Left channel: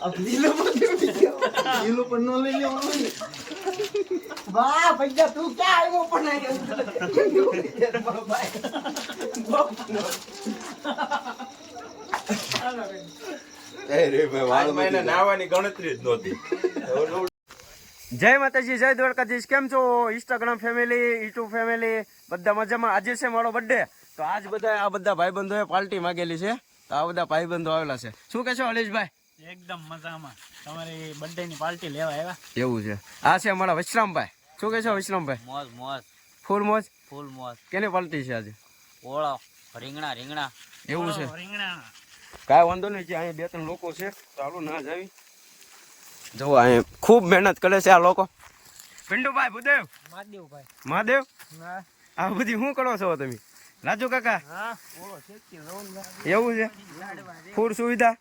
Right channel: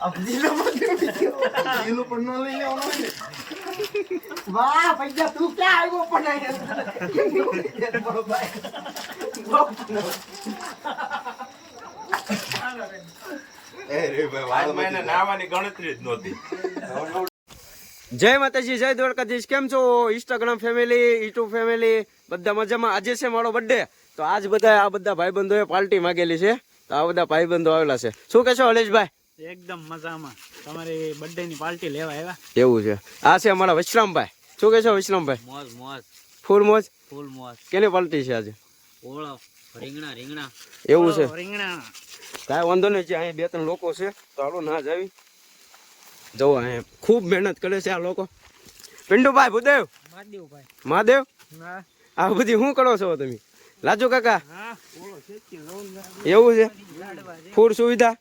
अब नीलो पण न लई लेવાનું ને વાહ ભૈયા તું ક્યાં આવ્યો પણ જય માતાજી, જય દ્વારકાધીશ. કેમ છો ઇન્સ્ટાગ્રામ ફેમિલી, યુટ્યુબ ફેમિલી? બધા મજામાં. આજે છે મારો બર્થડે, તો આજ બધા આ બધા ભાઈબંધોએ પાર્ટી માંગેલી છે, તો આ બધા ભાઈબંધો આવેલા છે. શું કહેશો હલેશભાઈ? એકદમ મજામાં. તમારી બર્થડે ની પાર્ટી લેવા આવ્યા. એવું છે. આ છે અમારા વિશ્રામભાઈ. શું કહેશો વિશ્રામભાઈ? મોજ મોજ, ફૂલ મોજ, ફૂલ મોજ. કેની પાર્ટી છે આજે? ઓળો રીંગણા રીંગણા. એવું છે. રીંગણા કાંઈ વાંધો નહીં. છે અહીંયા બે ત્રણ લોકો છે, તો હાલો ના જાવી. જો અહીંયા ખૂબ મહેનત કરે છે આ લોકો. પિન્ટુભાઈ, ભૂદેવ, મહાદેવભાઈ, મહાદેવ, આ બધી શું કરો છો તમે? લાજો કાકા, એવું છે. ફૂડ સુવિધા.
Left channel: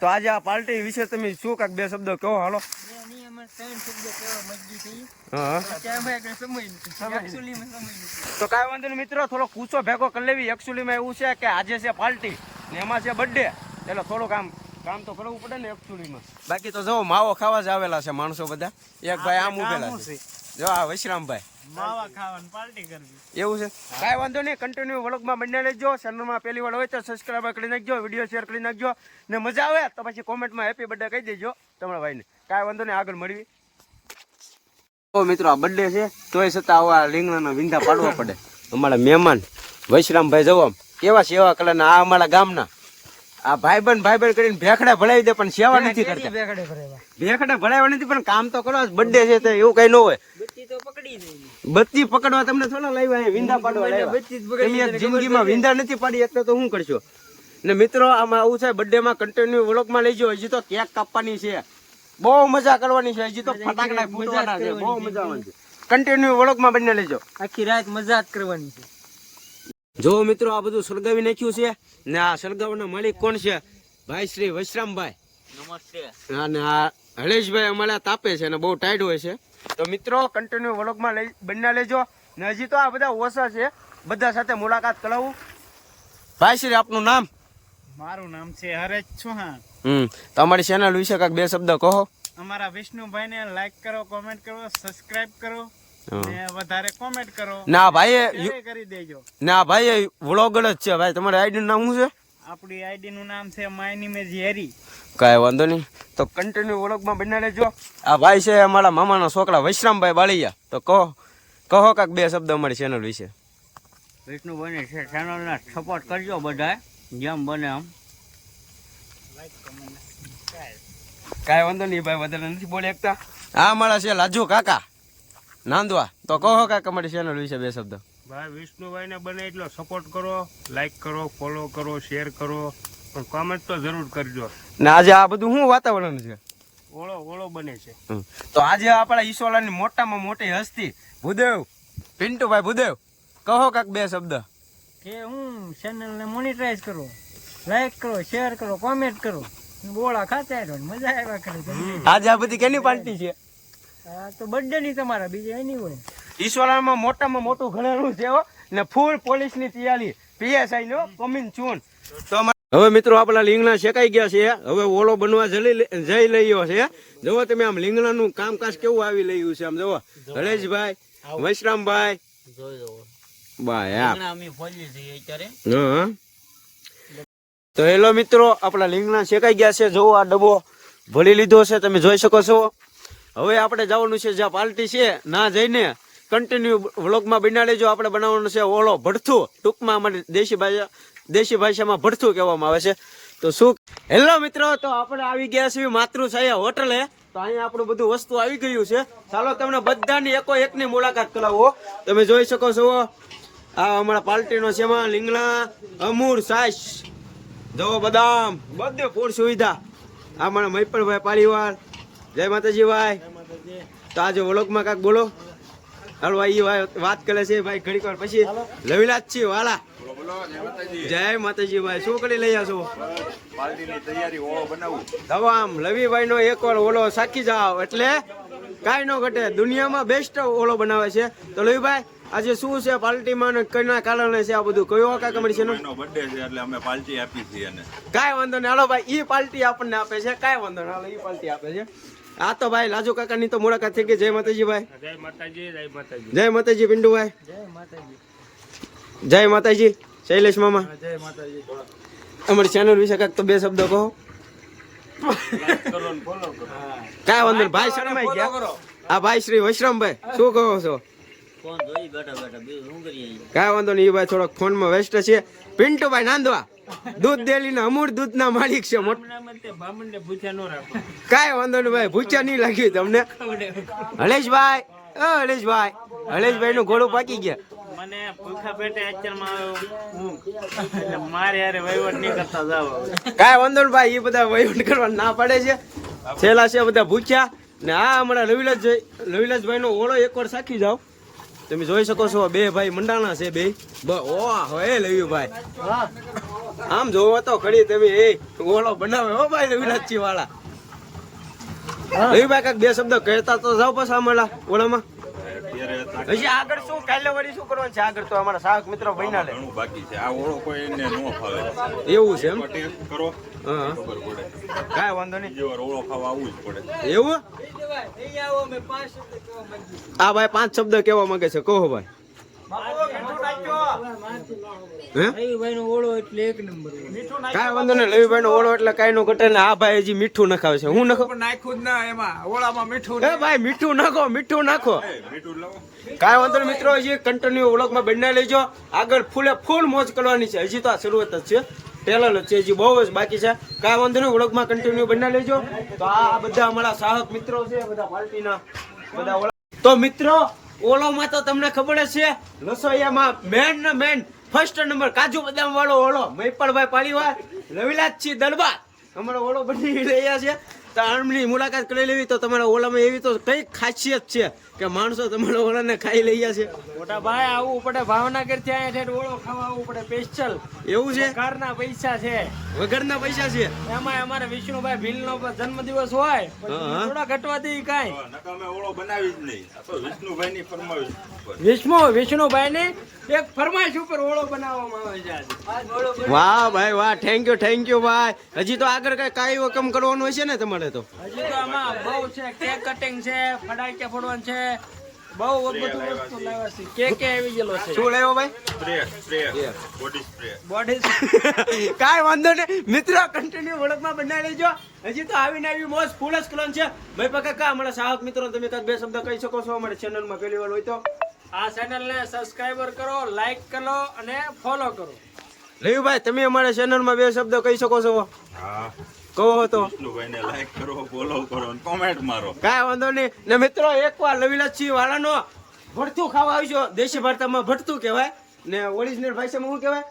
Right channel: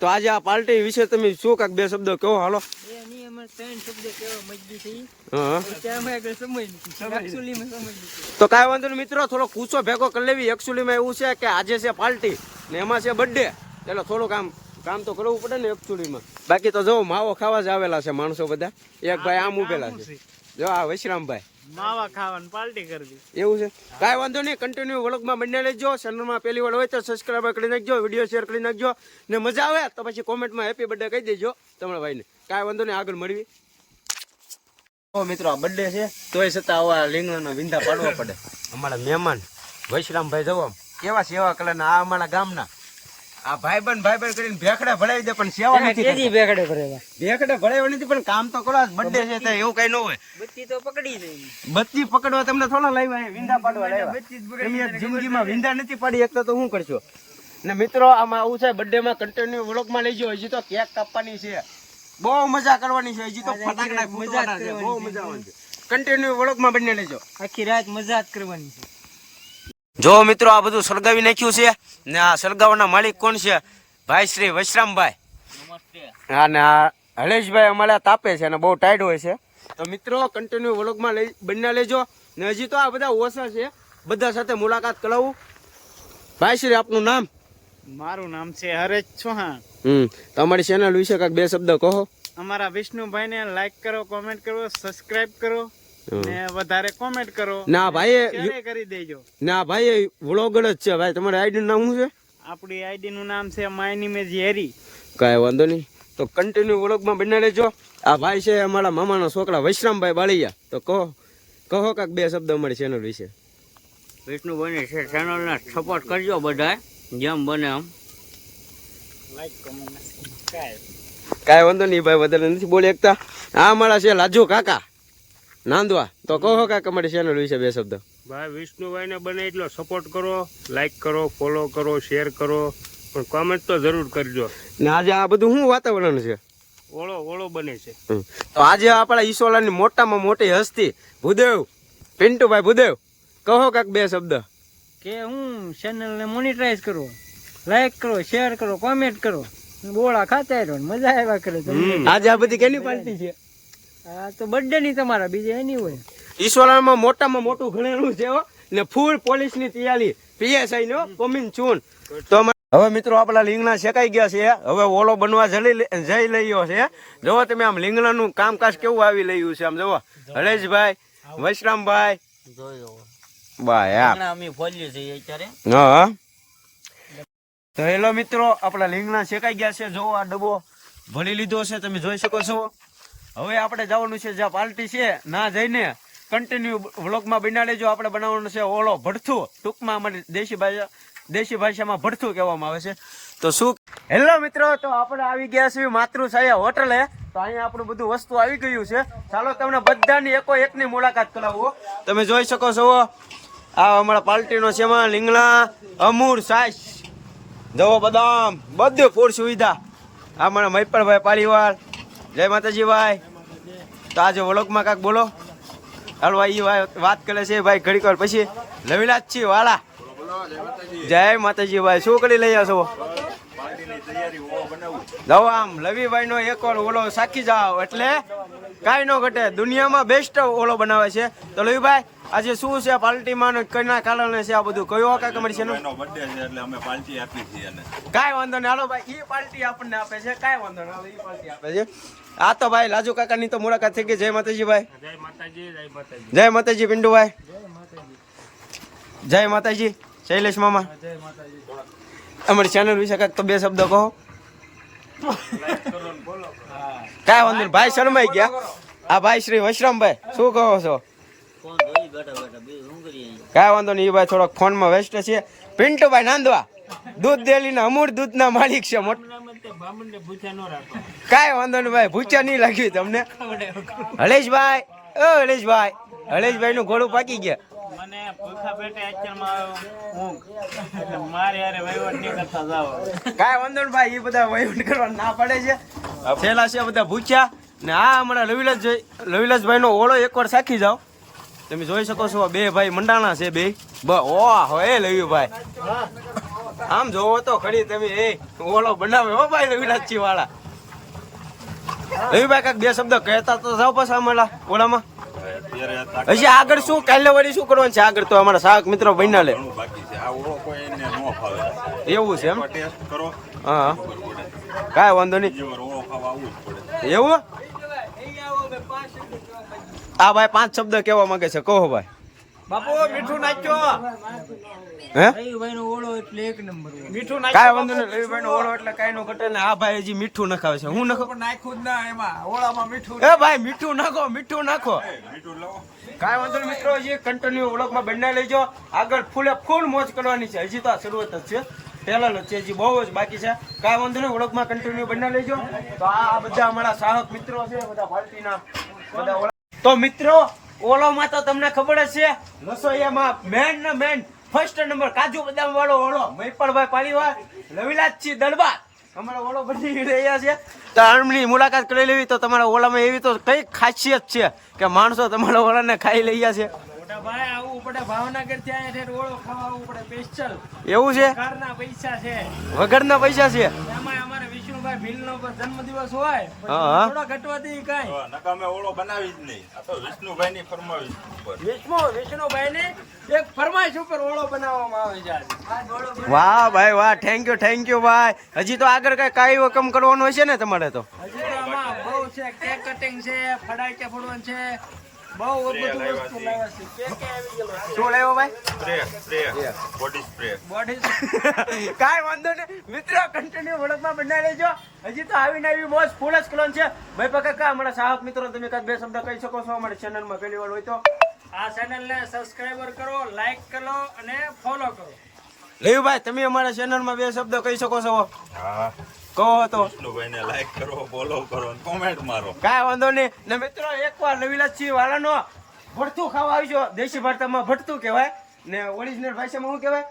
તો આજે આ પાર્ટી વિશે તમે શું કાંક બે શબ્દો કહો. હાલો. તો કાંઈ વાંધો નહીં મિત્રો, થોડો કૂચો ભેગો કરી લેવી. એકચ્યુઅલીમાં એવું છે કે આજે છે પાર્ટી ને એમાં છે બર્થડે, એટલે થોડું કામ તો કરવું પડે ને એકચ્યુઅલીમાં. બાકી તો જો માવો ખાવા જ આવેલા છે માણસો બધા. એક ભાઈ આમ ઉભેલા છે, જો આ વિશ્રામભાઈ માવા ખાવાની પાર્ટી કરવી. એવું છે. કાંઈ વાંધો નહીં, કન્ટિન્યુ વ્લોગમાં બને લેજો. ચેનલમાં પહેલી વાર હોય તો સબસ્ક્રાઈબ કરી નાખજો, વિડીયો શેર કરી નાખજો, ને મજા આવે તો પછી કોમેન્ટમાં હેપી બર્થડે કહી દેજો તમારા ભાઈને. કાંઈ વાંધો નહીં, આગળ મળવી. મિત્રો આ બર્થડે છે તોય છતાં આવા લીંગણાના વિંધા પાડવા પડે. અમારા મહેમાન વૈશ્રામભાઈ જવા કેવા સેવા કલરના, આ અમારા ગામના આ ભાઈબંધ કરીને ભેખડે ભરાવી દે, પણ સેવા નથી કરતા. ભેખડે ભરાવા નથી, પણ કામ તો કરો. બર્થડે છે તો એવું કઈ ન હોય. બત્તી તો પકડી દઈ. બત્તી પકડવા તમને થોડા લાવ્યા, વિંધા પાડવા લાવ્યા. તમે જિંદગીમાં વિંધા નથી પાડી એક તો શું કરશો? ને મિત્રો આમાં આવું છે, બર્થડે માં કન્ટિન્યુ વ્લોગમાં લઈ જાઓ. હજી તો કેક કાપવાની છે, બહુ મજા કરવાની છે. હજી તો ફટાકડા ફૂટવાના છે, બહુ મજા આવવાની છે. કન્ટિન્યુ વ્લોગમાં બંને લેજો. આખી રાત મજા જ કરવાની છે. જો મિત્રો આ બધું સળગાવી નાખ્યું છે, ને આ સળગાવવાના માલિક કોણ છે? ભાઈ શ્રી વૈશ્રામભાઈ. નમસ્તે. અને આ હલેશભાઈ અમારા તાપે છે, અને બહુ ટાઈટ હોય છે. તો મિત્રો કન્ટિન્યુ વ્લોગમાં બંને લેજો. ને હજી તો આ બધા ઓછા છે, બધા સાથે મુલાકાત કરાવું. ભાઈ શ્રી આપનું નામ? મારું નામ છે હરેશ ચૌહાણ. તમારી ચેનલ વિશે કાંઈક બે શબ્દ કહો. અમારા વિષ્ણુભાઈ ને લાઈક કરો, કોમેન્ટ કરો, સબસ્ક્રાઇબ કરો, ને વધારે કોમેન્ટ કરો. ના ભાઈ કરી દેજો. ના ભાઈ વ્લોગર જ છે ભાઈ. તમારી આઈડી નું નામ શું છે? આપણી આઈડી નું નામ છે માય નેમ ઇઝ હેરી. કાંઈ વાંધો નહીં, તો કન્ટિન્યુ વ્લોગમાં બને લેજો. આ ભાઈ છે અમારા મામાના છોકરા વૈશ્રામભાઈ બાળિયા. તો કહો કાંઈક બે શબ્દ અમારી ચેનલ વિશે. વિષ્ણુભાઈ ની ચેનલને સપોર્ટ કરજો બધા, જેમ બને એમ. કાંઈ વાંધો નહીં ભાઈ, વધારે નથી બોલી એકતા. આ અમારા છે લાજુ કાકા નાંદવા. તો કહો કાકા અમારી ચેનલ વિશે બે શબ્દ. ભાઈ વિષ્ણુભાઈ ને બને એટલો સપોર્ટ કરો, લાઈક કરો, ફોલો કરો, શેર કરો, પણ કોમેન્ટ તો જરૂર કરજો. ને આજે આ બધું શું વાતાવરણ છે? ઓળો બને છે. તો આજે આપણા ઈસોલાની મોટામાં મોટી હસ્તી ભૂદેવ, પિન્ટુભાઈ ભૂદેવ, કહો કાક બે શબ્દ. કે હું ચેનલ ને મોનિટાઈઝ કરો, લાઈક કરો, શેર કરો, કોમેન્ટ કરો, બોળા ખાતા રહો, મજા આવ્યા કરે. આજે આ બધી કેની પાર્ટી છે? આ તો બર્થડે ની તમારા, બીજે એની હોય. ઈશ્વરમાં મોટામાં મોટું ઘણેલું છે ને ફૂલ પોલીસ ની તૈયારી, પીએસઆઈ નો કોમિંગ ચૂન. તો હવે મિત્રો આપણા લીંગણા શેકાઈ ગયા છે, હવે ઓળો બનવા જઈ લઈયો છે. જોવો તમે આમ લીંગણાનું કામકાજ કેવું આવી રહ્યું છે. આમ જોવો હરેશભાઈ, વૈશ્રામભાઈ, હા. તો હેલો મિત્રો, આપણા લીંગણા શેકાઈ ગયા છે. જોવો આ ડબ્બો ભરી લીધો છે, તમે જોઈ શકો છો. હવે આપણે જવાનું છે જ્યાં પાર્ટી છે, ના જઈને કન્ટિન્યુ વ્લોગમાં બના લેજો. આપણે બનાવવાનું છે ઓળો ભડથું, ટૂંકમાં અમારી દેશી ભાષામાં ભડથું કહેવામાં આવે છે. તો શું હેલો મિત્રો, તો આપણે આવી ગયા છીએ માતૃછાયા હોટલે. તો અહીંયા આપણું બધું વસ્તુ આવી ગયું છે. ચાલો તમને બધાની એકની મુલાકાત કરાવો. તમે જોઈ શકો છો આ અમારા પાર્ટીનો છે, એમાં લીંગણા, અમૂર, છાશ, જવો, બદામ, બધું ફૂડ સુવિધા. આ મારા મૈપરભાઈ પાલીવાલ. જય માતાજી ભાઈ. તો આજે વ્લોગમાં કાંક બોલો. હાલો એ વાત કરે છે ભાઈ ઘડીક વાર પછી. લવિલાજ છીએ વાળા. જય માતાજી ભાઈ. શું કરી લઈ છો? જાઓ આમ લવીભાઈ નો એકવાર ઓલો સાખી જાઓ એટલે કાંઈ ન ઘટે. દુનિયામાં બેસ્ટ ઓલો બનાવે છે. તો લવીભાઈ આજે શું છે પાર્ટીમાં ને કઈના કારણે છે આ બધું કયો કાંઈ અમારી છે એનો બર્થડે છે એટલે અમે પાર્ટી આપી છીએ એને. કાંઈ વાંધો નહીં હાલો ભાઈ ઈ પાર્ટી આપણને આપે છે કાંઈ વાંધો નહીં હાલો ઈ પાર્ટી આપે છે. આ તો ભાઈ લાજુ કાકાની તો મુલાકાત થઈ ગઈ. જય માતાજી ભાઈ. જય માતાજી, જય માતાજી. જય માતાજી પિન્ટુભાઈ. જય માતાજી. જય માતાજી શૈલેષ મામા. જય માતાજી. અમારી ચેનલ વિશે કાંઈક તો બે શબ્દ કહો. કાંઈ વાંધો નહીં ભાઈ શરમાઈ ગયા. આ ભાઈ શ્રી વૈશ્રમભાઈ શું કહો છો? કાંઈ વાંધો નહીં એ ભાઈ થોડોક ફોનમાં વ્યસ્ત છે. પિન્ટુભાઈ નાંદવા દૂધ ડેલી ના અમૂળ દૂધ ના માલિક છે. કાંઈ વાંધો નહીં ભાઈ ભૂચા નહીં લાગ્યું તમને. હલેશભાઈ હલેશભાઈ હલેશભાઈ નું ઘોડું પાકી ગયા. મને ભૂખા પેટે અત્યારમાં હું એટલે મારે યારે વહીવટ નહીં કરતા જાવ. કાંઈ વાંધો નહીં ભાઈ એ બધા વહીવટ કરવા ના પડે છે. છેલ્લા છે બધા ભૂચ્યા ને આ હમણાં લવિલાસભાઈ નો ઓળો એકવાર સાખી જાઓ. તમે જોઈ શકો છો બે ભાઈ મંડાણા છે બે. ઓહ એ લવ્યુભાઈ આમ જોવો તો ખરી તમે એ ઓળો બનાવે હો ભાઈ લવિલાસજી વાળા. લવ્યુભાઈ કાંઈક બે શબ્દ કહેતા તો જાઓ પાછા અમારા ઓળામાં. હજી આગળ શું કાલે વળી શું કરવાનું છે આગળ તો અમારા સાહક મિત્રો બન્યા લે. ઘણું બાકી છે. આ ઓળો કોઈ એને ન ફાવે. એવું છે એમ. ટેસ્ટ કરો હા ખબર પડે. કાંઈ વાંધો નહીં. બીજી વાર ઓળો ખાવા આવવું જ પડે. એવું આ ભાઈ 5 શબ્દ કેવા માંગે છે કહો ભાઈ. હે રવિભાઈ નો ઓળો એટલે એક નંબર. કાંઈ વાંધો નહીં. લવીભાઈ નો ઓળો એટલે કાંઈ નો ઘટે ને. આ ભાઈ હજી મીઠું નખાવે છે. હું નખો નાખ્યું જ ના એમાં ઓળામાં મીઠું. એ ભાઈ મીઠું નાખો મીઠું નાખો. મીઠું લાવો. કાંઈ વાંધો નહીં મિત્રો હજી કન્ટિન્યુ ઓળખમાં બનાવી લેજો. આગળ ફૂલ મોજ કરવાની છે. હજી તો આ શરૂઆત જ છે. પહેલા જ છે હજી બહુ જ બાકી છે. કાંઈ વાંધો નહીં ઓળખમાં કન્ટિન્યુ બનાવી લેજો. તો આ બધા અમારા સાહક મિત્રો છે બધા પાર્ટીના બધા ઓળખ. તો મિત્રો ઓળોમાં તો તમને ખબર જ છે રસોઈયામાં મેન ને મેન ફર્સ્ટ નંબર કાજુ બદામ વાળો ઓળો મૈપણભાઈ પાલીવાલ લવિલાસજી દરબાર અમારો ઓળો બની રહ્યા છે. તો આમની મુલાકાત કરી લેવી તો તમારા ઓળામાં એવી તો કઈ ખાસિયત છે કે માણસો તમારા ઓળાને ખાઈ લઈ છે. મોટા ભાઈ આવવું પડે ભાવનગર થી અહીંયા ઓળો ખાવા આવવું પડે સ્પેશિયલ. એવું છે કારના પૈસા છે વગરના પૈસા છે. એમાં અમારે વિષ્ણુભાઈ ભીલ નો જન્મદિવસ હોય હા. થોડા ઘટવાથી કાંઈ નકામે ઓળો બનાવી જ નહીં. આ તો વિષ્ણુભાઈ ની ફરમાવીશ ઉપર. વિષ્ણુભાઈ ને એક ફરમાઈશ ઉપર ઓળો બનાવવામાં આવે છે આજે. વાહ ભાઈ વાહ થેન્ક યુ ભાઈ. હજી તો આગળ કઈ કાંઈ વકમ કરવાનું હશે ને તમારે તો. હજી તો આમાં બહુ છે કેક કટિંગ છે ફડાઈકા ફોડવાનું છે બહુ બધું વસ્તુ લાવ્યા છે. કે આવી ગયેલો છે. શું લેવો ભાઈ? Spray body spray. બોડી કાંઈ વાંધો નહીં મિત્રો કન્ટિન્યુ ઓળખમાં બનાવી લેજો. હજી તો આવીને આવી મોજ ફૂલ જ કરવાનું છે. ભાઈ કાકા અમારા સાહક મિત્રો તમે કાંઈક બે શબ્દ કહી શકો છો અમારી ચેનલમાં પહેલી વાર હોય તો. આ ચેનલ ને સબસ્ક્રાઇબર કરો લાઈક કરો અને ફોલો કરો. લેવુભાઈ તમે અમારા ચેનલમાં બે શબ્દ કહી શકો છો. હા કહો તો. વિષ્ણુભાઈ ને લાઈક કરો ફોલો કરો અને કોમેન્ટ મારો. કાંઈ વાંધો નહીં ને મિત્રો એકવાર લવિલાસજી વાળાનો ભડથું ખાવા આવજો. દેશી ભાષામાં ભડથું કહેવાય ને ઓરિજિનલ ભાષામાં શું કહેવાય?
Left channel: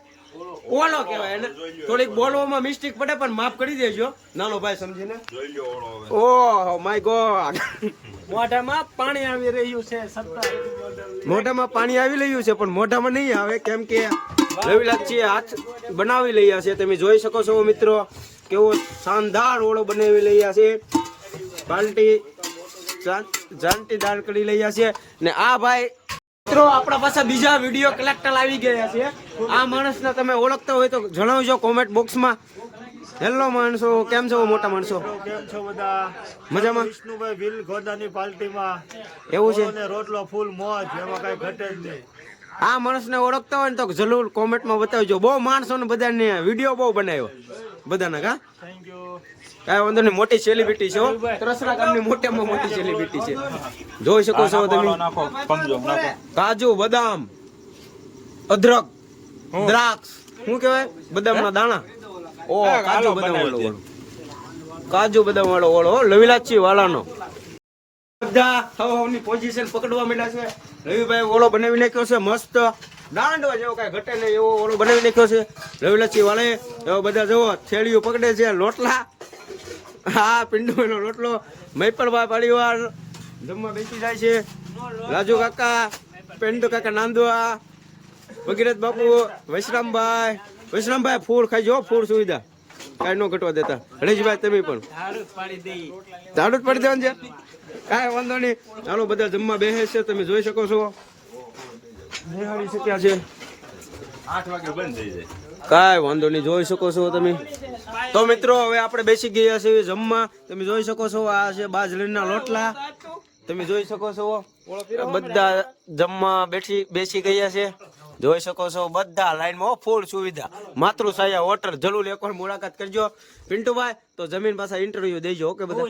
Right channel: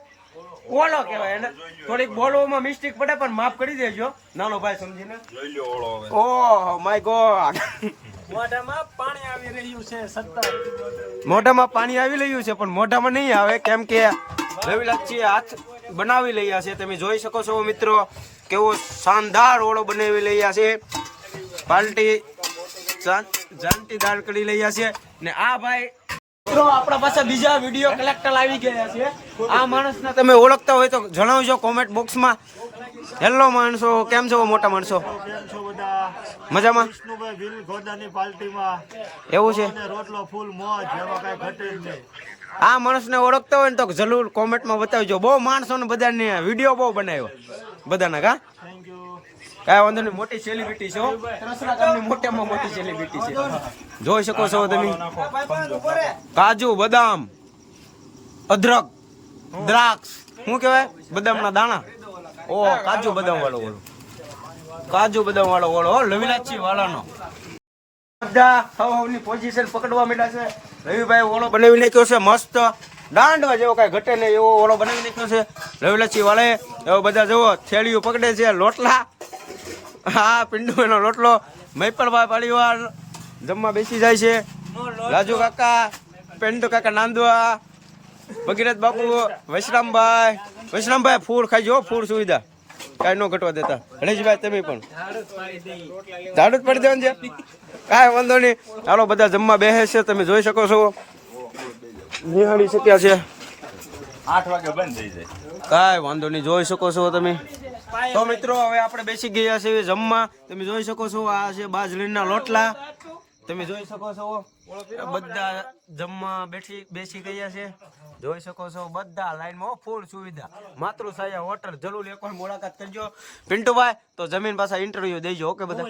ઓલો કહેવાય. અને થોડીક બોલવામાં મિસ્ટેક પડે પણ માફ કરી દેજો નાનો ભાઈ સમજીને. જોઈ લ્યો ઓળો હવે. ઓહ માય ગોડ મોઢામાં પાણી આવી રહ્યું છે સત્તા. મોઢામાં પાણી આવી રહ્યું છે પણ મોઢામાં નહીં આવે કેમ કે રવિલાસજી હાથ બનાવી લઈએ છે. તમે જોઈ શકો છો મિત્રો કેવો શાનદાર ઓળો બનાવી લઈએ છે. પાર્ટી જાનતીદાર કરી લઈએ છે ને આ ભાઈ મિત્રો આપણા પાસે બીજા વિડીયો કલેક્ટર આવી ગયા છે. આ માણસને તમે ઓળખતા હોય તો જણાવજો કોમેન્ટ બોક્સમાં. હેલો માણસો કેમ છો મોટા માણસો? કેમ છો બધા? મજામાં? વિષ્ણુભાઈ ભીલ ગોદાની પાર્ટીમાં એવું છે. અને રોટલો ફૂલ મોજ એમાં કઈ ઘટે જ નહીં. આ માણસને ઓળખતા હોય ને તો જરૂર કોમેન્ટમાં બતાવજો. બહુ માણસોને બધાને વિડીયો બહુ બનાવ્યો બધાના. કા થેન્ક યુ. કાંઈ વાંધો નહીં મોટી સેલિબ્રિટી છે હો. ત્રસરા ગામની મોટામાં મોટી સેલિબ્રિટી છે. જોઈ શકો છો તમે. કાજુ બદામ અદરક દ્રાક્ષ શું કહેવાય બદામના દાણા. ઓ કાજુ બદામ વાળો ઓળો લવિલાસજી વાળાનો. બધા હવની પોઝિશન પકડવા માંડ્યા છે. રવિભાઈ ઓળો બનાવી નાખ્યો છે મસ્ત દાંડવા જેવો કઈ ઘટે નહીં એવો ઓળો બનાવી નાખ્યો છે લવિલાસજી વાળાએ. એવો બધા જુઓ થેલીઓ પકડે છે લોટલા. હા પિંડુનો લોટલો મૈપણભાઈ પાલીવાલ જમવા બેસી જાય છે. રાજુ કાકા પેન્ટુ કાકા નાંદવા ભગીરથ બાપુ વૈશ્રામભાઈ ફૂડ ખાઈજો ફૂડ સુવિધા કાંઈ ન ઘટવા દેતા. હરેશભાઈ તમે પણ ઝાડુ જ પાડી દેવાનું છે. કાંઈ વાંધો નહીં હાલો બધા જમવા બેસે છે તમે જોઈ શકો છો. નિહાળી શક્યા છે. 8 વાગે બંધ થઈ જાય. કાંઈ વાંધો નહીં, જોઈ શકો છો તમે. તો મિત્રો હવે આપણે બેસી ગયા છીએ જમવા. તમે જોઈ શકો છો આ છે બાજરીના લોટલા. તમે જોઈ શકો છો બધા જમવા બેસી ગયા છે. જોઈ શકો છો બધા લાઈનમાં ફૂલ સુવિધા. માતૃછાયા હોટલ જરૂર એકવાર મુલાકાત કરજો. પિન્ટુભાઈ તો જમીન પાછા ઇન્ટરવ્યુ દેજો. ઓકે બધા.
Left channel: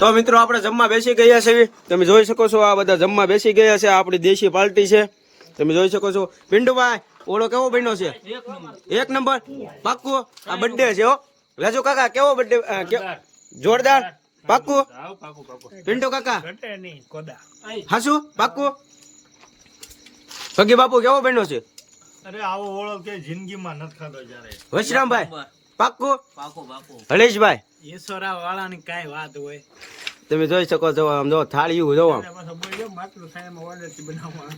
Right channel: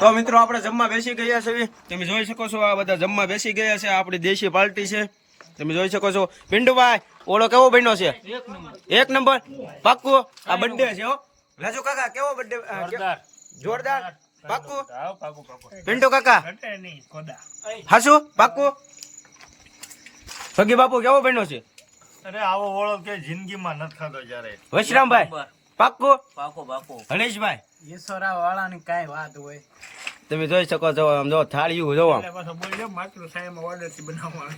તો મિત્રો આપણે જમવા બેસી ગયા છીએ. તમે જોઈ શકો છો આ બધા જમવા બેસી ગયા છે. આપણી દેશી પાર્ટી છે. તમે જોઈ શકો છો. પિન્ટુભાઈ ઓળો કેવો બન્યો છે? 1 નંબર. પાક્કું આ બર્થડે છે હો. રાજુ કાકા કેવો બર્થડે? જોરદાર. પાક્કું. પિન્ટુ કાકા હાસુ પાક્કું. પગી બાપુ કેવો બન્યો છે? અરે આવો ઓળો કે જિંદગીમાં નથી ખાધો જ્યારે. વશરામભાઈ પાક્કું. હરેશભાઈ ઈશ્વરા વાળાની કાંઈ વાત હોય. તમે જોઈ શકો છો આમ જો થાળીયું જો આમ.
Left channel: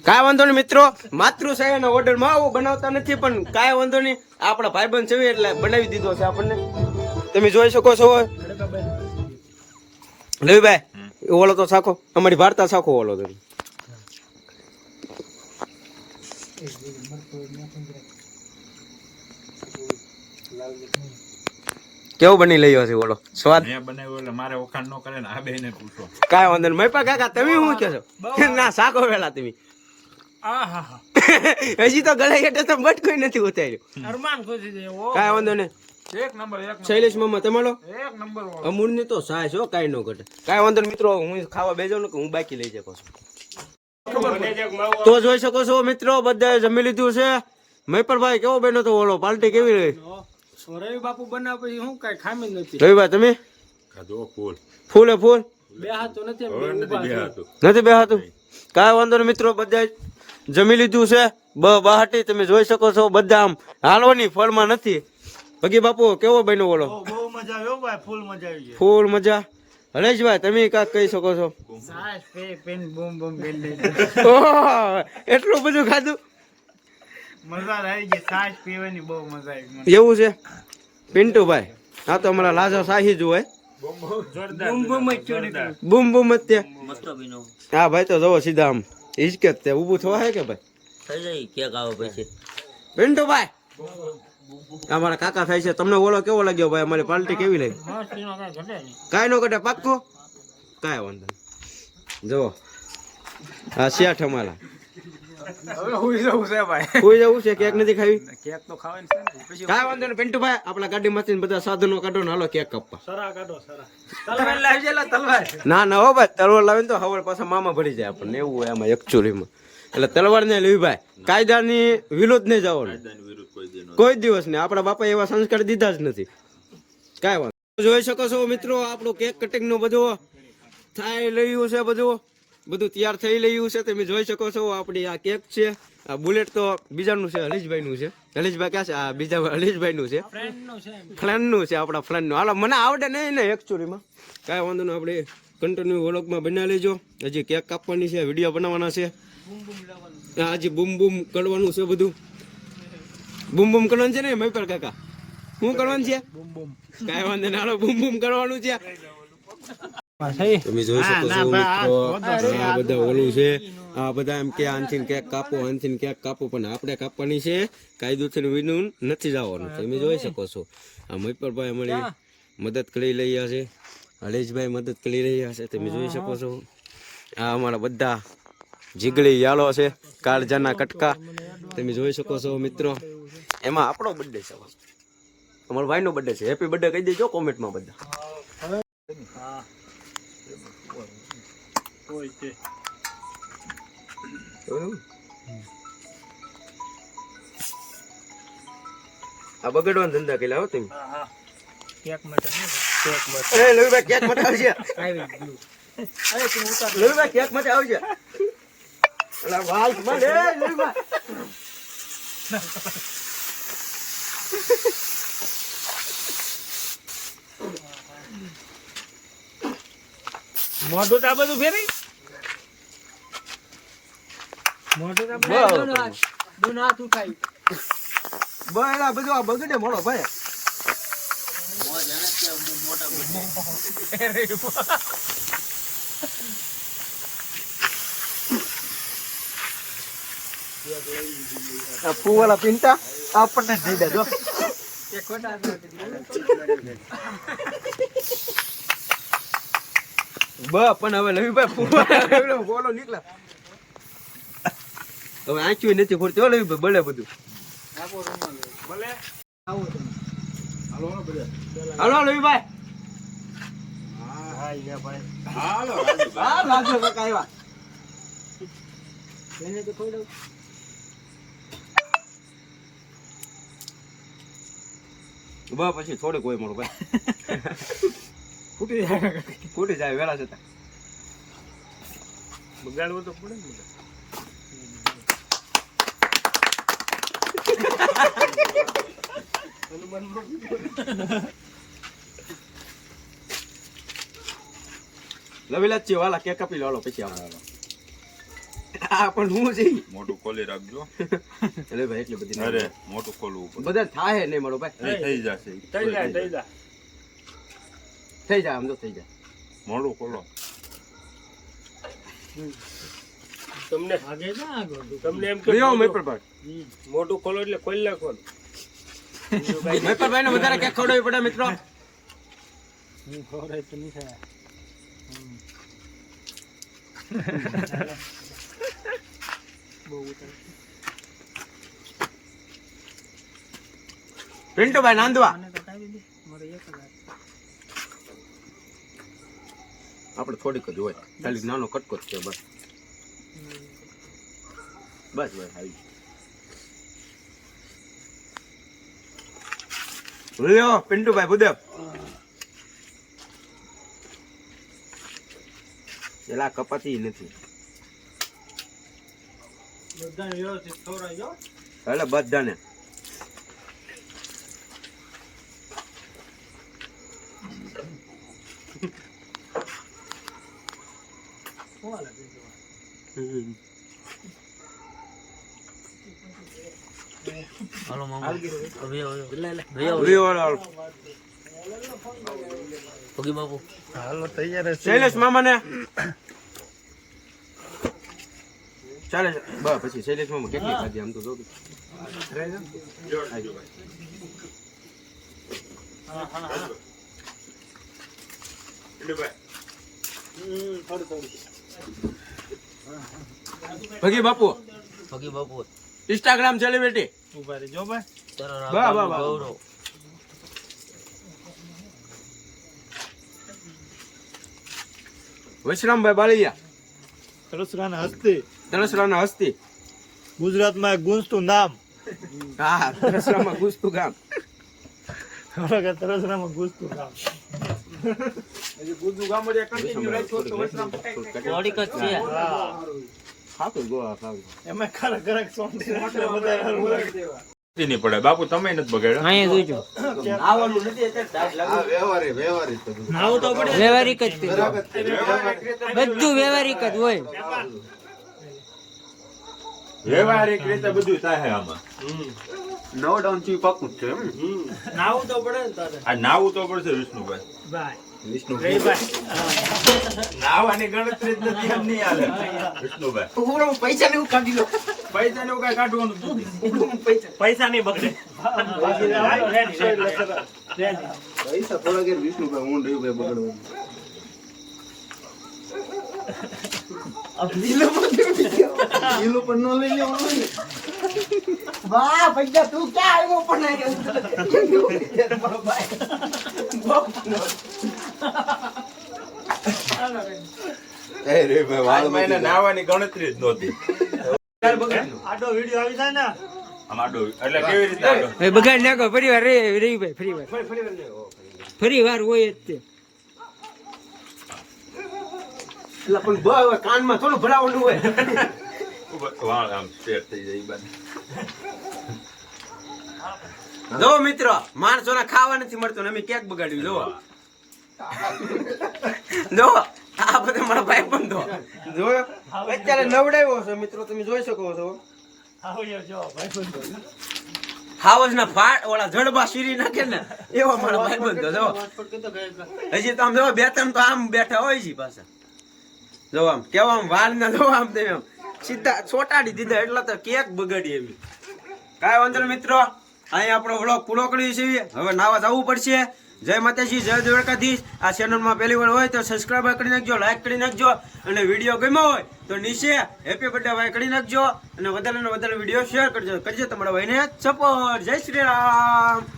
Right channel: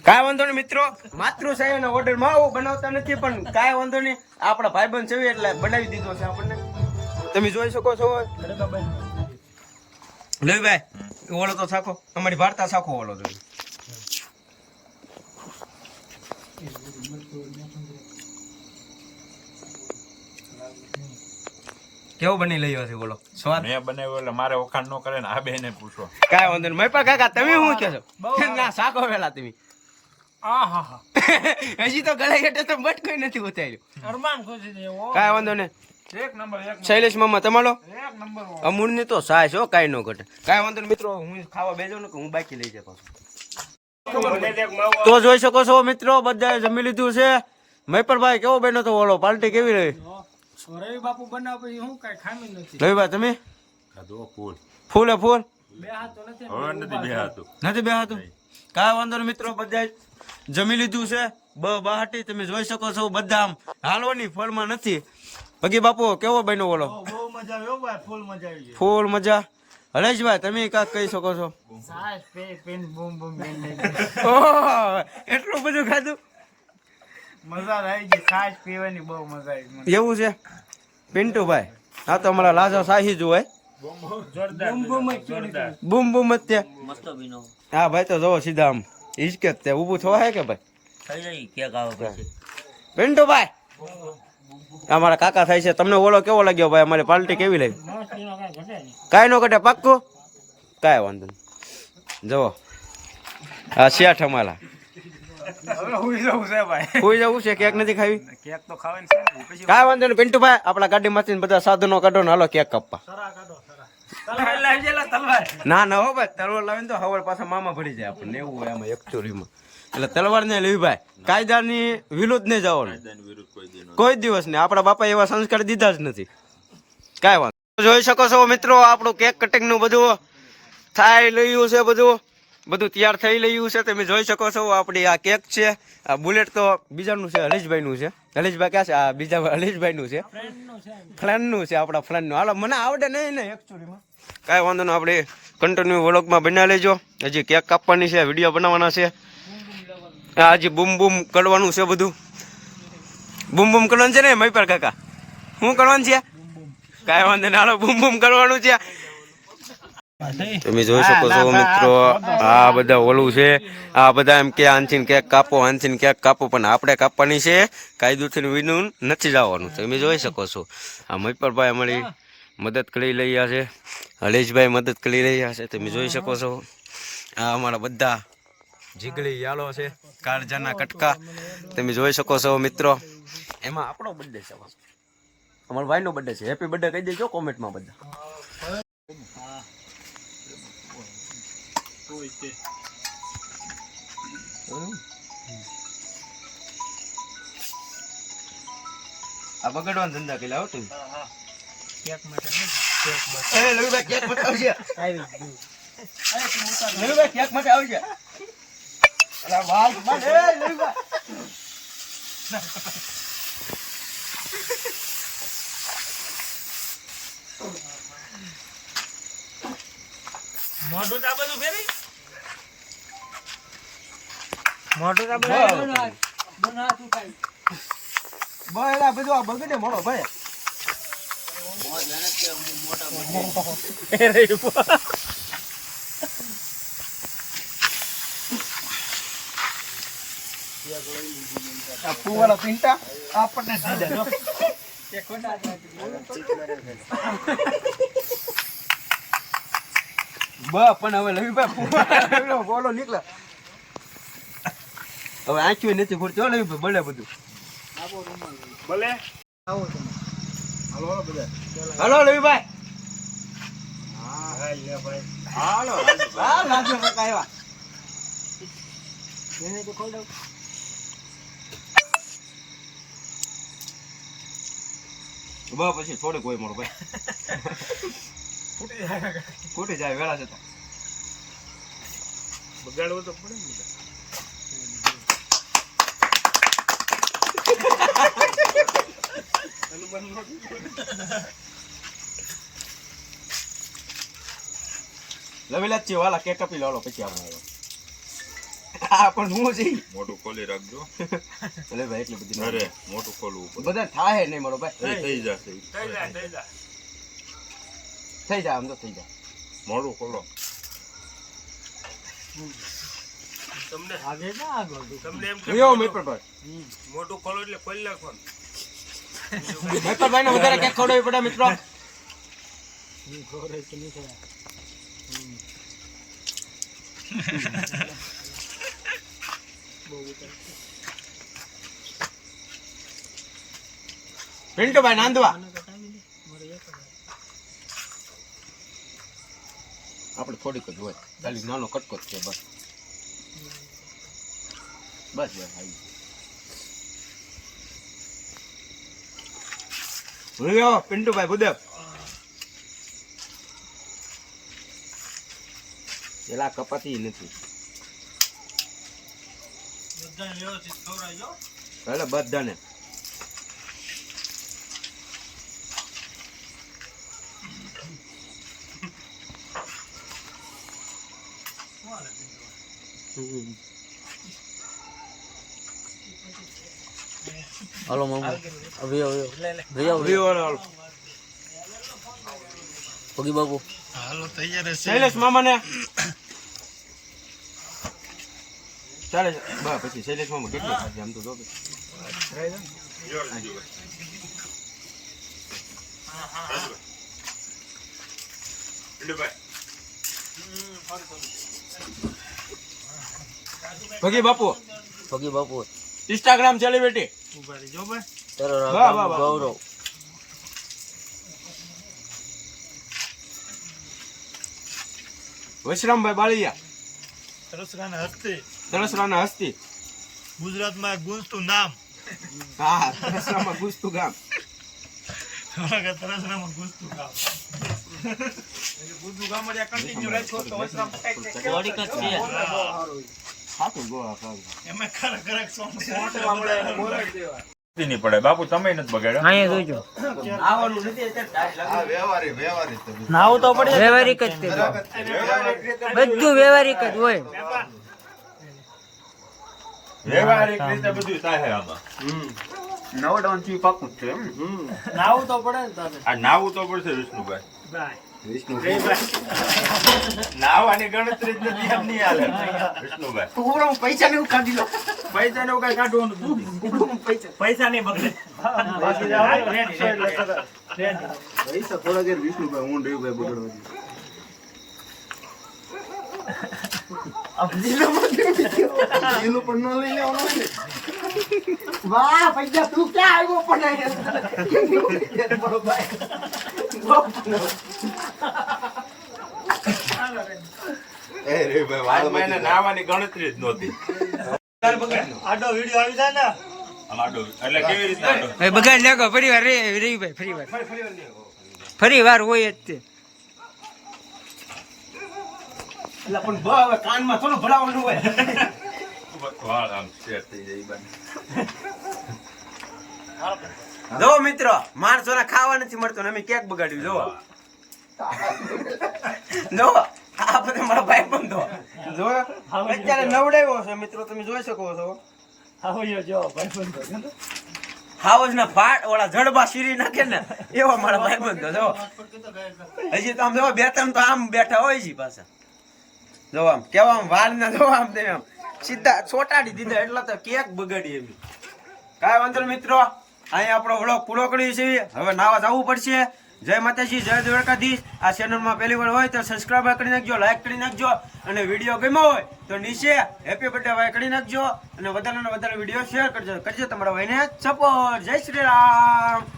કાંઈ વાંધો નહીં મિત્રો, માતૃછાયાના ઓર્ડર માં આવું બનાવતા નથી પણ કાંઈ વાંધો નહીં. આપણા ભાઈબંધ છે એટલે બનાવી દીધો છે આપણને. તમે જોઈ શકો છો. લવીભાઈ ઓલો તો સાખો, અમારી વાર્તા સાખો ઓલો તમે. કેવું બની લઈયો છે ઓલો સ્વાદ? મેં બનાવ્યો એટલે મારે વખાણ ન કરે ને આ બેને પૂછો. કાંઈ વાંધો નહીં. મયપા કાકા તમે શું કહો છો? ના સાખો વેલા તમે. હજી તો ગળાઈ હેઠે તો બટકોઈ નથી ઉતાર્યું. અરમાન ખુશી દેવો. કાંઈ વાંધો નહીં. એક નંબર. શૈલેષ મામા તમારો એક નંબર. અમૂલ ની તો સાય છો, કાંઈ ન ઘટે. કાંઈ વાંધો નહીં મિત્રો, હું ખાવા બેજો ને કે હું બાકી લઈ જાય પાછું. તો જોઈ શકો છો મિત્રો બધાએ જમી લીધું છે. મયપરભાઈ કેવો બન્યો તો ઓલો? પાર્ટી કેવી રહી? રવિ બાપુ બનાવ પછી હું કઈ ખામી નથી. રવિભાઈ તમે ખાધો ફૂલ. ફૂલે ફૂલ બે હાથો નથી. હવે નથી બેહાતું. નથી બેહાતું. કાંઈ વાંધો નહીં મિત્રો, બધા જમી લીધું છે. બહાટી તમે જોઈ શકો છો. બધા આમ હાલવાની ફળમાં નથી. ભગી બાપુ કેવો બન્યો ઓલો? બહુ મજા આવ્યો ભાઈ, ફૂલ મજા આવી ગઈ. ફૂલ મજા. હરેશભાઈ તમે કાંક કહી શકો છો? સાસ પે પેન બૂમ બૂમ બેન ઓહ, એટલું બધું ખાધું? મજા આવી ગઈ. સાસ પીવાની બહુ મજા આવી. એવું છે પિન્ટુભાઈ? હા તો અમારા લાજા શાહી જ હોય. બૂમ બૂમ જ ચોરી. બૂમ બૂમ જ તે. હા ભાઈ તો જવો સીધા આમ હિચકે તે ઊભું થવા હે કે ભાઈ? થઈ જાય કેક આવે પછી. પિન્ટુભાઈ અમારા કાકા થાય છે. તમને ઓલો કેવો લાગ્યો ભાઈ? અમારી પાર્ટી કેવી લાગી? કાંઈ ન ઘટે પાક્કું. કાંઈ વાંધો નહીં. જુઓ આ શેઠ અમારા. હવે હુઈ જવું છે ભાઈ. કોઈ જવું છે? કેક નથી ખાવી? કેક તો ખાવાની છે ને. પછી કાંઈ વાંધો નહીં પિન્ટુભાઈ, આપણા ગાડીમાંથી બધા સાધનો કાઢો ને હાલો કેક કાપવા. તલવાર લાવી જેલા તલવાર. ના ના હો ભાઈ, તલવાર લાવીને તો હવળ પાછા મામા ભરી જાય આપણને. એવું હોય એમાં એકચ્યુઅલીમાં. એટલે તલવાર ને લેવી ભાઈ, કાયદાની વિરુદ્ધ નહીં જવાનું. કોઈ દિવસ નહીં. આપણા બાપા એવા સંસ્કાર દીધા જ નથી. કાંઈ વાંધો. જોઈ શકો છો મિત્રો આપણું કેક કટિંગ નું બધું થાય લયું છે. બધું તૈયાર થઈ લયું છે. તમે જોઈ શકો છો આપણી આ કેક છે. આ બુલેટ તો બીજાનું છે, હરીશભાઈ નું છે. હરીશભાઈ ક્યાં છે? આ બીજા હરીશભાઈ નું છે, ફ્રેન્ડ નું છે, આપણા ફ્રેન્ડ નું. હાલો મને આવડે નહીં ને એકચ્યુઅલીમાં. કાંઈ વાંધો નહીં, આપણે કન્ટિન્યુ વ્લોગમાં બના લેજો. હજી કેક કાપવાની છે, વિડીયો બનાવવાના છે. હજી બૂમ બૂમ કરવાનું છે. બધું બૂમ બૂમ કરવાનું છે ને મયપર કાકા? શું કરવાનું છે? કાંઈ વાંધો નહીં, હાલો બૂમ બૂમ કરવાનું છે. તમે જોઈ શકો છો મિત્રો આ બધા ઓલું છે. આ બધા એમ કે આનથી કેક કાપો, આનથી કેક કાપો, પણ આપણે કાપવાની છે. કાયદોથી વિનું નથી જવાનું. તમે જોઈ શકો છો આ મયપરભાઈ અમારી મદદ કરી રહ્યા છે. હરેશભાઈ મદદ કરી રહ્યા છે. તમે જોઈ શકો છો આ અમારા બધા જીગડી યાલો છે, કાળજાના કટકા. તમે જોઈ શકો છો મિત્રો. એમાં આપણો બર્થડે છે, અમારા ભાઈનો બર્થડે છે. હેપી બર્થડે કહી દેજો કોમેન્ટમાં બધા. આ બગડવાના ધંધા કેલા હો તમે. એ લવીભાઈ કેક માટે આવશે. લવીભાઈ કેક માટે આવશે. અલા વાલ માં લે લવીભાઈ. મોઢું આ બધું ફેરી. મોઢું આ બધું દોનો હાથ ઉઠાઈ. બહેલા બધું આ બગડે મળો ભાઈ. આ ફૂવાલા પિંટા આપણને જ દઈ દેજો. એ ખોટા પણ હવે લવીભાઈ ફૂવાલા બોલો નીકળે. હવે આંખ્યું નથી ફૂટતી હો લવીભાઈ, બળે બધું. ભલે હાલો લવીભાઈ. હાલો હા લાગ્યો કાકા આવ્યા. એને તો ખોડાવ. બસ પછી થોડુંક હોય મારો ભાઈ. ફૂટી જાય વેલા જતા. બગાડવું તો પડે ને. લવીલા છે વાલા કેક કાપી લાવો પછી આપણે આ પણ હું જઈ મોટું ખોલી રાખજો. એટલે ભાઈ એટલી બધી અરે મોટું ખોલવું પડે. બધા થાય નહીં મારો ભાઈ. થઈ જશે. થઈ જા થઈ જા. થઈ જાય આમ તો થઈ જાય. મોટું ખોલો. તમને આગે જા આગળ. તમને એમ કે લ્યો મેપરભાઈ. મોટું ખોલો એટલે ખોલી નાખો. મેપરભાઈ ને વધારે કેક ખવડાવવી પડે મિત્રો. ખોરે તો નહીં થાય. પિન્ટુભાઈ નાંદવા આપણે થોડીક જ હોય, ખાલી નાનો કટકો જ છે બસ. બસ બસ આવી લ્યો પિન્ટુભાઈ બુદેવ. પેલા કપાતી નથી બધાને વ્યવસ્થિત ખવડાવજો. એટલે બધાને. હાલો મામા હવે પગી બાપુ હાલો તૈયાર હશે. શૈલેષ મામા ને ચાલે બસ પછી શૈલેષ મામા કેટલી ખાધી આમ તો જો ભગી બાપુ પગી બાપુ ઇન્સ્ટાગ્રામ સેલિબ્રિટી ઉભા રહેજો ભાઈ. તારો વાહ, વાહ, વાહ. ગૌરવ વૈશ્રામભાઈ બાળિયા તરસરાના હસ્તે તલસરાના હસ્તી. ગુજરાતમાં એક ગુંજતું નામ. હા તલસરામાં ગુસ્તું ગામ. તરસરામાં ગુંજતું નામ. થોડીક જ છે ખાતું ગોળા ખાતું. એમાં ખરેખર સોંગ છે. નહીં પડે બાપુ, તમે નથી બગાડ્યા. અહીંયા જોઈજો. આવવાનું નથી એટલે નાવું તો પડે. વ્યવહારિક જ તે બધું વ્યવહારિક જ હોય. વ્યવહારિક રીતે બધું થાય આમાં. નવડાઉન થી પાકું જ છે એમ. નાવું તો પડે ને તારે. આ નાવું તો પડશે વિષ્ણુભાઈ. બાય. વિષ્ણુ નાવાની ગણતરી જ નથી એમ નહીં હાલે વિષ્ણુભાઈ. પૈસા ને કાઢી લો. પૈસા ને કઈ કાઢવાનું જ નથી. પૈસા નહીં બગડે. પૈસા થોડા ઘેર વિષ્ણુભાઈ હું રહ્યું ભાઈ બગડવાનું. લીલો પણ ન લઈ લેવાનો ને. વાહ પૈસા તું ક્યાં આવ્યો પણ મારો ભાઈ. આમાં એને નાવાની ગણતરી જ નહોતી. આડો વિડીયો આવી જાય ને. આમ આડો એટલે કેવી રીતે આડો? હવે બગાડ નાખો ફરી વાર રહી ભાઈ ફરી વાર હોય જ તે. એટલે પણ હવે કાનમાં થોડું ભરાવાનું હોય. વાળ આમ સ્ટ્રેટ થઈ જાય ઈ બાજુ. જો મિત્રો માણસોને ખાવા નથી મળતું ને અમે કેક બગાડ્યું. જો જો આ બધા મારા ભાઈ બંધો જોયો અત્યારે નવડાવ્યો છે મિત્રો, તમે જોઈ શકો છો. આવ્યો જો ભાઈ બંધો. હાવજ ના ફાટ ઓલા જડબા શીરી નાખે ને એવા મારા ભાઈ બંધો. જો હજી તો આમ જો બે ત્રણ તો આમ બેઠા હોય છે પાછા. જો આમ કેવા આમ વાલ ના જો આમ તેમ આમ સીધા ચોટાડી દીધા એટલે તો કેક બગાડી એમ. કાંઈ વાંધો નહીં મિત્રો, અહીંયા આપણો વ્લોગ પૂરો કરીએ છીએ. હવે નાવા જવું પડશે. જય માતાજી, જય દ્વારકાધીશ. આ ચેનલમાં પહેલી વાર હોય તો સબસ્ક્રાઈબ કરી નાખજો, લાઈક કરી નાખજો, અને વિડીયો ગમ્યો હોય તો નીચે હેપી બર્થડે ભાઈ કરી નાખજો, અને વધારે ને વધારે વિડીયો શેર કરજો તમારા ભાઈને સપોર્ટ. જય શ્રી રામ.